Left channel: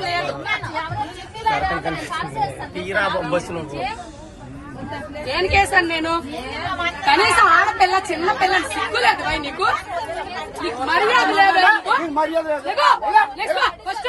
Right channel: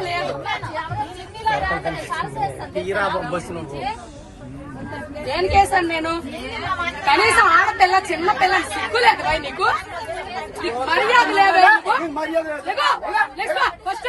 లేదు తీరా నువ్వు ఏం కేసాను నేను? కనీసం ఆడపిల్ల చిన్న పిల్ల సిగ్గు లేదు భయ్ నీకు? మర్యాద లేకో, ఫస్ట్.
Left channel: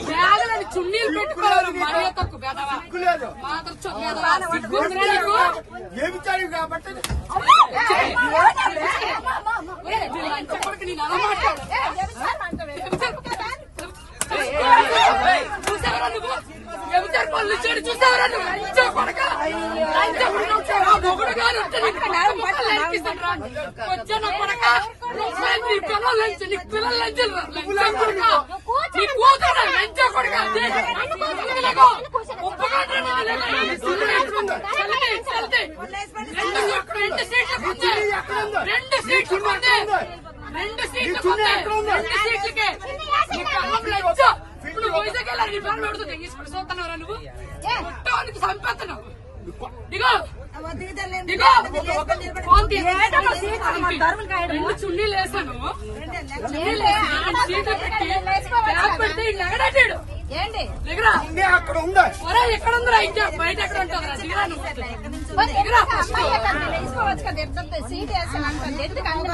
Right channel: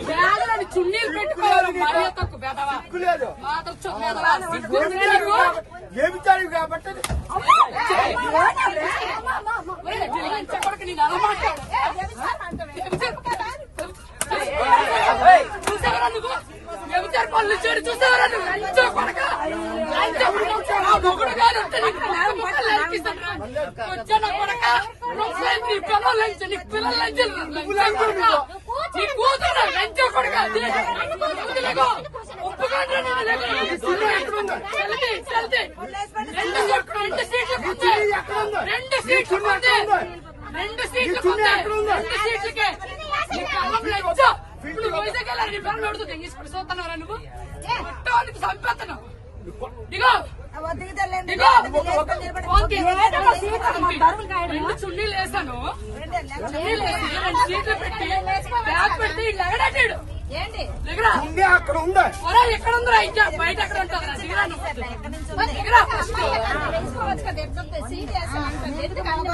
బ్యాగులని చున్నీలు పెట్టుకోవాలి చెప్పడానికి నేను అలా మాట్లాడు. చూసావరా నువ్వు? ఎవరు పనులు చూడు చూసావరా నువ్వు? లంచో కొడక. పట్ల లంకిస్తాను రా. వచ్చా కొడక? పిల్లలు లంచ పిల్లలు లంచం. నీ కూతురు లంచో కొడక. రెండు సీట్లు రెండు సీట్లు రెండు సీట్లు రెండు సీట్లకే. నీ కళ్ళం లంచ ఇప్పుడు వైజాగ్ వెళ్ళాలి నీ పనులు అడుగుతుంది తీసుకుని చూస్తున్నారా నువ్వు? మొత్తానికి దిగో దిగో చున్నీలు వేసాను. ఏంటి ఉంది అక్కడ ఉంది ఎక్కడ ఉందిరా ఇంకా బయట ఎక్కడ ఉంటుందిరా దిగరా నువ్వు దిగరా ఫస్ట్ వేసుకోవచ్చు కదా ఇద్దరితో సీట్ ఎందుకు అన్ని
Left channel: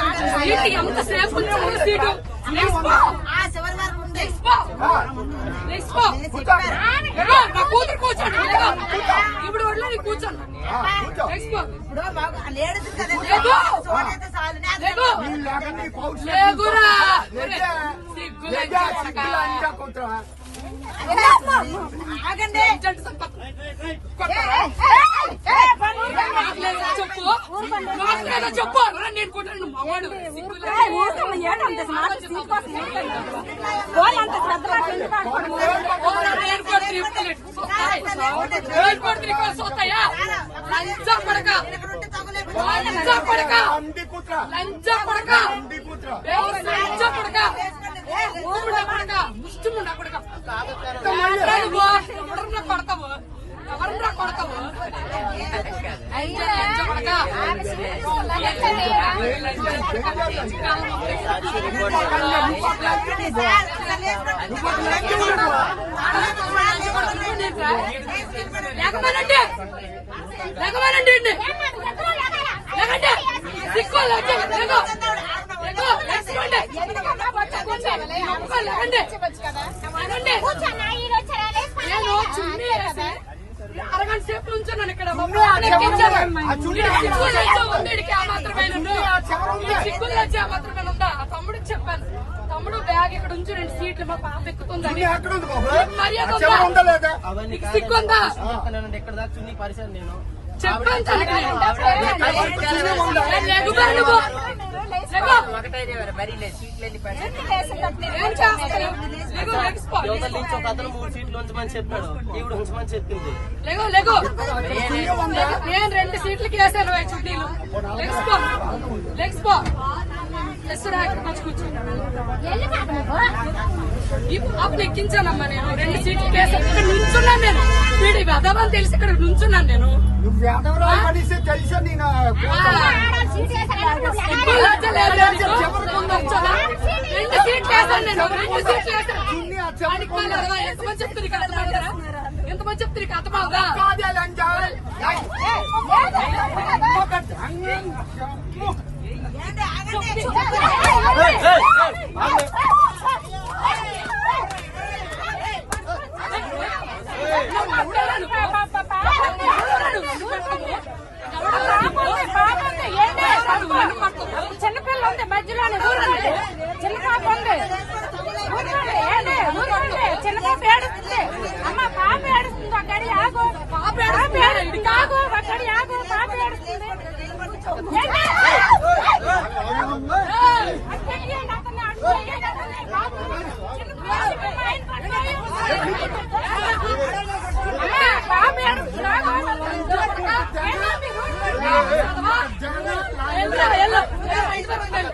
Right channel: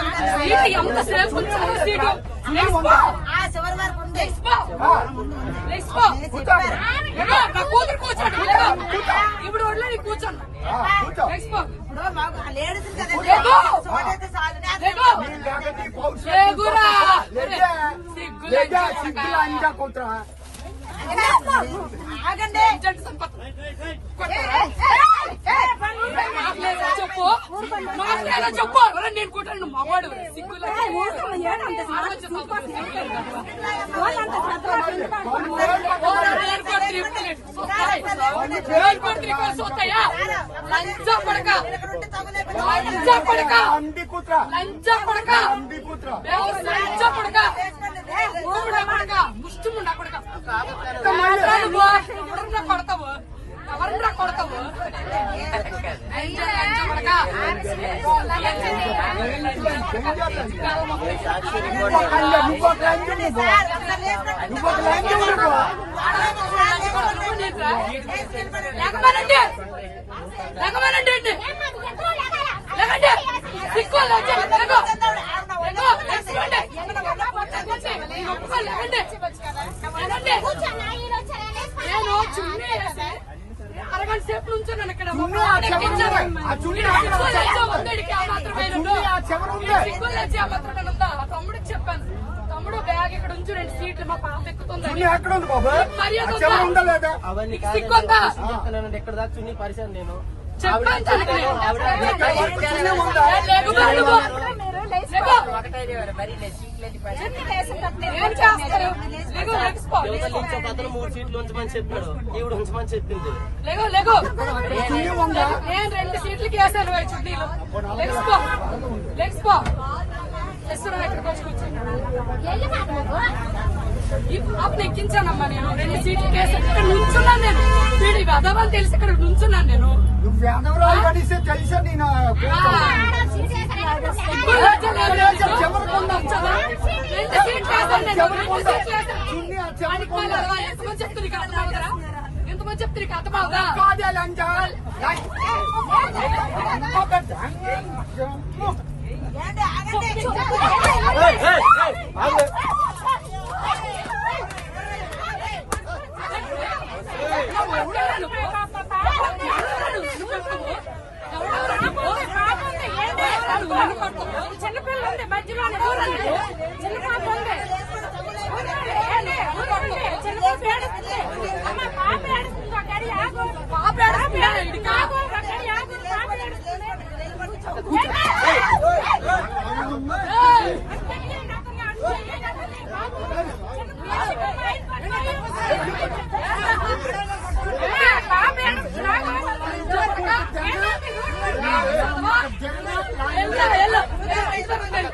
సీటు కూతురు కూర్చోండి. ఇప్పుడు వడ్లే నీ కూర్చోండి లేడీస్ కదా. లేగో. లేగురా చెప్పు. చెప్పు. నేను కొట్టాను సిగ్గు లేదా? ఓరా, నేను కొట్టి ఇప్పుడే. సొత్తాయి. నేను కొట్టి ఇక్కడ సొత్తాయా? లంచం కొడక. లంచం కొడక. అంది కూతురా లంచం కొడక. అంది కూతురా దేవుడు లంచం కొడక. ఊపిరి కొడక. ముష్టిముండా కొడక. ఎవరురా నువ్వు? ఎవరురా కొడతావు? ఎవరురా కొడతావు? లంచం, లంచం కొడక. నువ్వు ఒక లంచం నువ్వు నువ్వు ఒక లంచం నువ్వు లేకపోయినండి లేకపోయినండి అండి లేకండి సిక్కు లేకో లేకో లేకపోండి లేకండి లేకండి. అరగంట సేపు నుంచున్నాను ఇక్కడ తమ్ముడికి చెప్పాను. తమ్ముడు బ్యాగ్ ఇక్కడ ఉంచు రెండు సీట్లు మా పాప బాబు? మర్యాద ఆ చెవులు ఉందా? లేదా అవన్నీ నీకు సిగ్గుందా? కాదు ఎక్కడ దాకా చున్నీ పరిచాను నేను. లెగ్స్పో, లెగ్స్పో. ఒక అతను మూడు సీట్లు ఉంచమని చెప్పాడు ఈవిడ ఉంచమని చెప్పింది లేగో లేగో నేను రెండు సీట్లకి వేసాను చుట్టీలు లెగ్స్ పో లెగ్స్ పో లెగ్స్ రా ఇక్కడికి వచ్చి పాపను ఎక్కించానమ్మా నేను. రెండు సీట్లకి వేసాను ఇక్కడ నుంచున్నాను నేను. వీడి వెదవని తెలిసి ఇక్కడ నుంచున్నాను నేను? రెండు సీట్లు వేసాను నేను. రెండు సీట్లు వేసాను. ఎంతమంది చెప్తే నీకు అర్థమవుతుందా ఎంతమంది కాదే లంచం ఒక దంగం. ఏయ్, ఏయ్, ఏయ్, ఆగు. చిన్నపిల్ల ఉంది మధ్యలో చిన్న పాప ఉంది చిన్న పాప ఏడుస్తుంది అమ్మ, పాప ఏడుస్తుంది అక్కడి ఆగు పాప ఏడుస్తుంది ఇక్కడికి ఆగు అక్కడి ఆగు పాప ఏడుస్తుంది ఏయ్! ఏయ్! కూర్చో. మా ఇంటి దగ్గర ఉంది వెళ్ళరా, లంచ కొట్టు. లంచ కుట్ర మా ఇంటి దగ్గర ఉంది. మా ఇంటి దగ్గర ఉంది.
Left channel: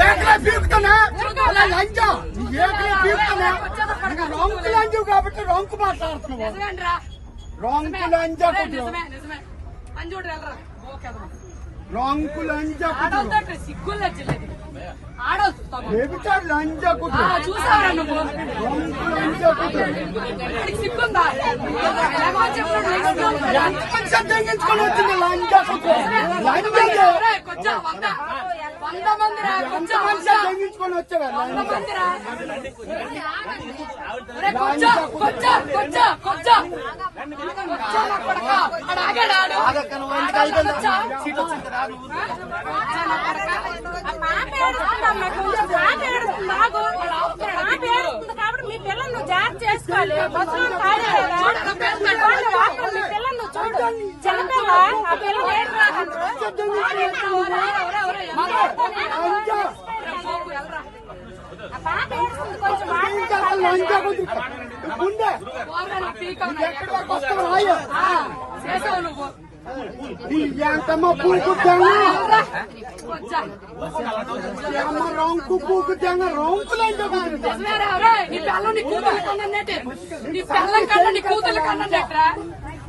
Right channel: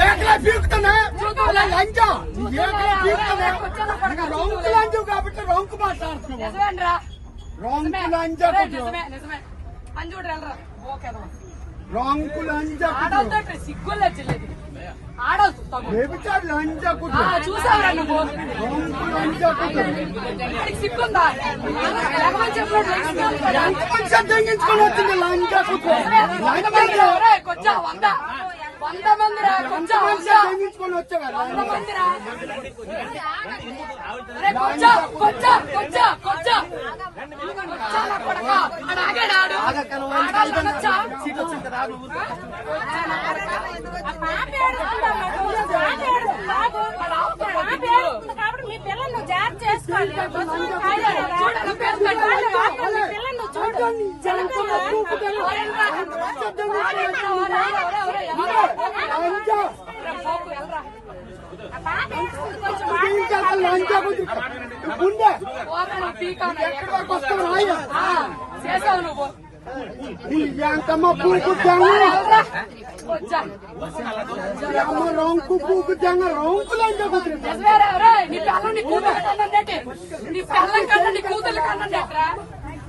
ఏకలే పీకుతానా అలా లంచ నీకు ఏకలే పీకుతానా నీకు రొంకు లంచు కాబట్టి రొంకు మాట్లాడుతున్నావు నిజమేనరా? రొంకు లంచ నిజమే, కుట్రు నిజమే, నిజమే. లంచ లంచ లంచ వచ్చింది లంచ కుట్రు లంచ వంద. మందిరా, కొంచెం ఎంతమంది వంద. సందేహించుకొని వచ్చావా వంద మందిరా. ఒరేయ్, కొంచెం, కొంచెం, కొంచెం, కొంచెం. కొంచెం నా కొడకా. ఆడు ఆగాడు ఆడు. ఆగాలి కొంచెం. కొంచెం నా కొడకా. గుండె వస్తావు రాయ ఆ, చేసావు అమ్మ రొంకు పూకు తెంగ రొంకు లంచ నీ పిల్లం కన్నా నీ కూతురు కన్నన్నట్రా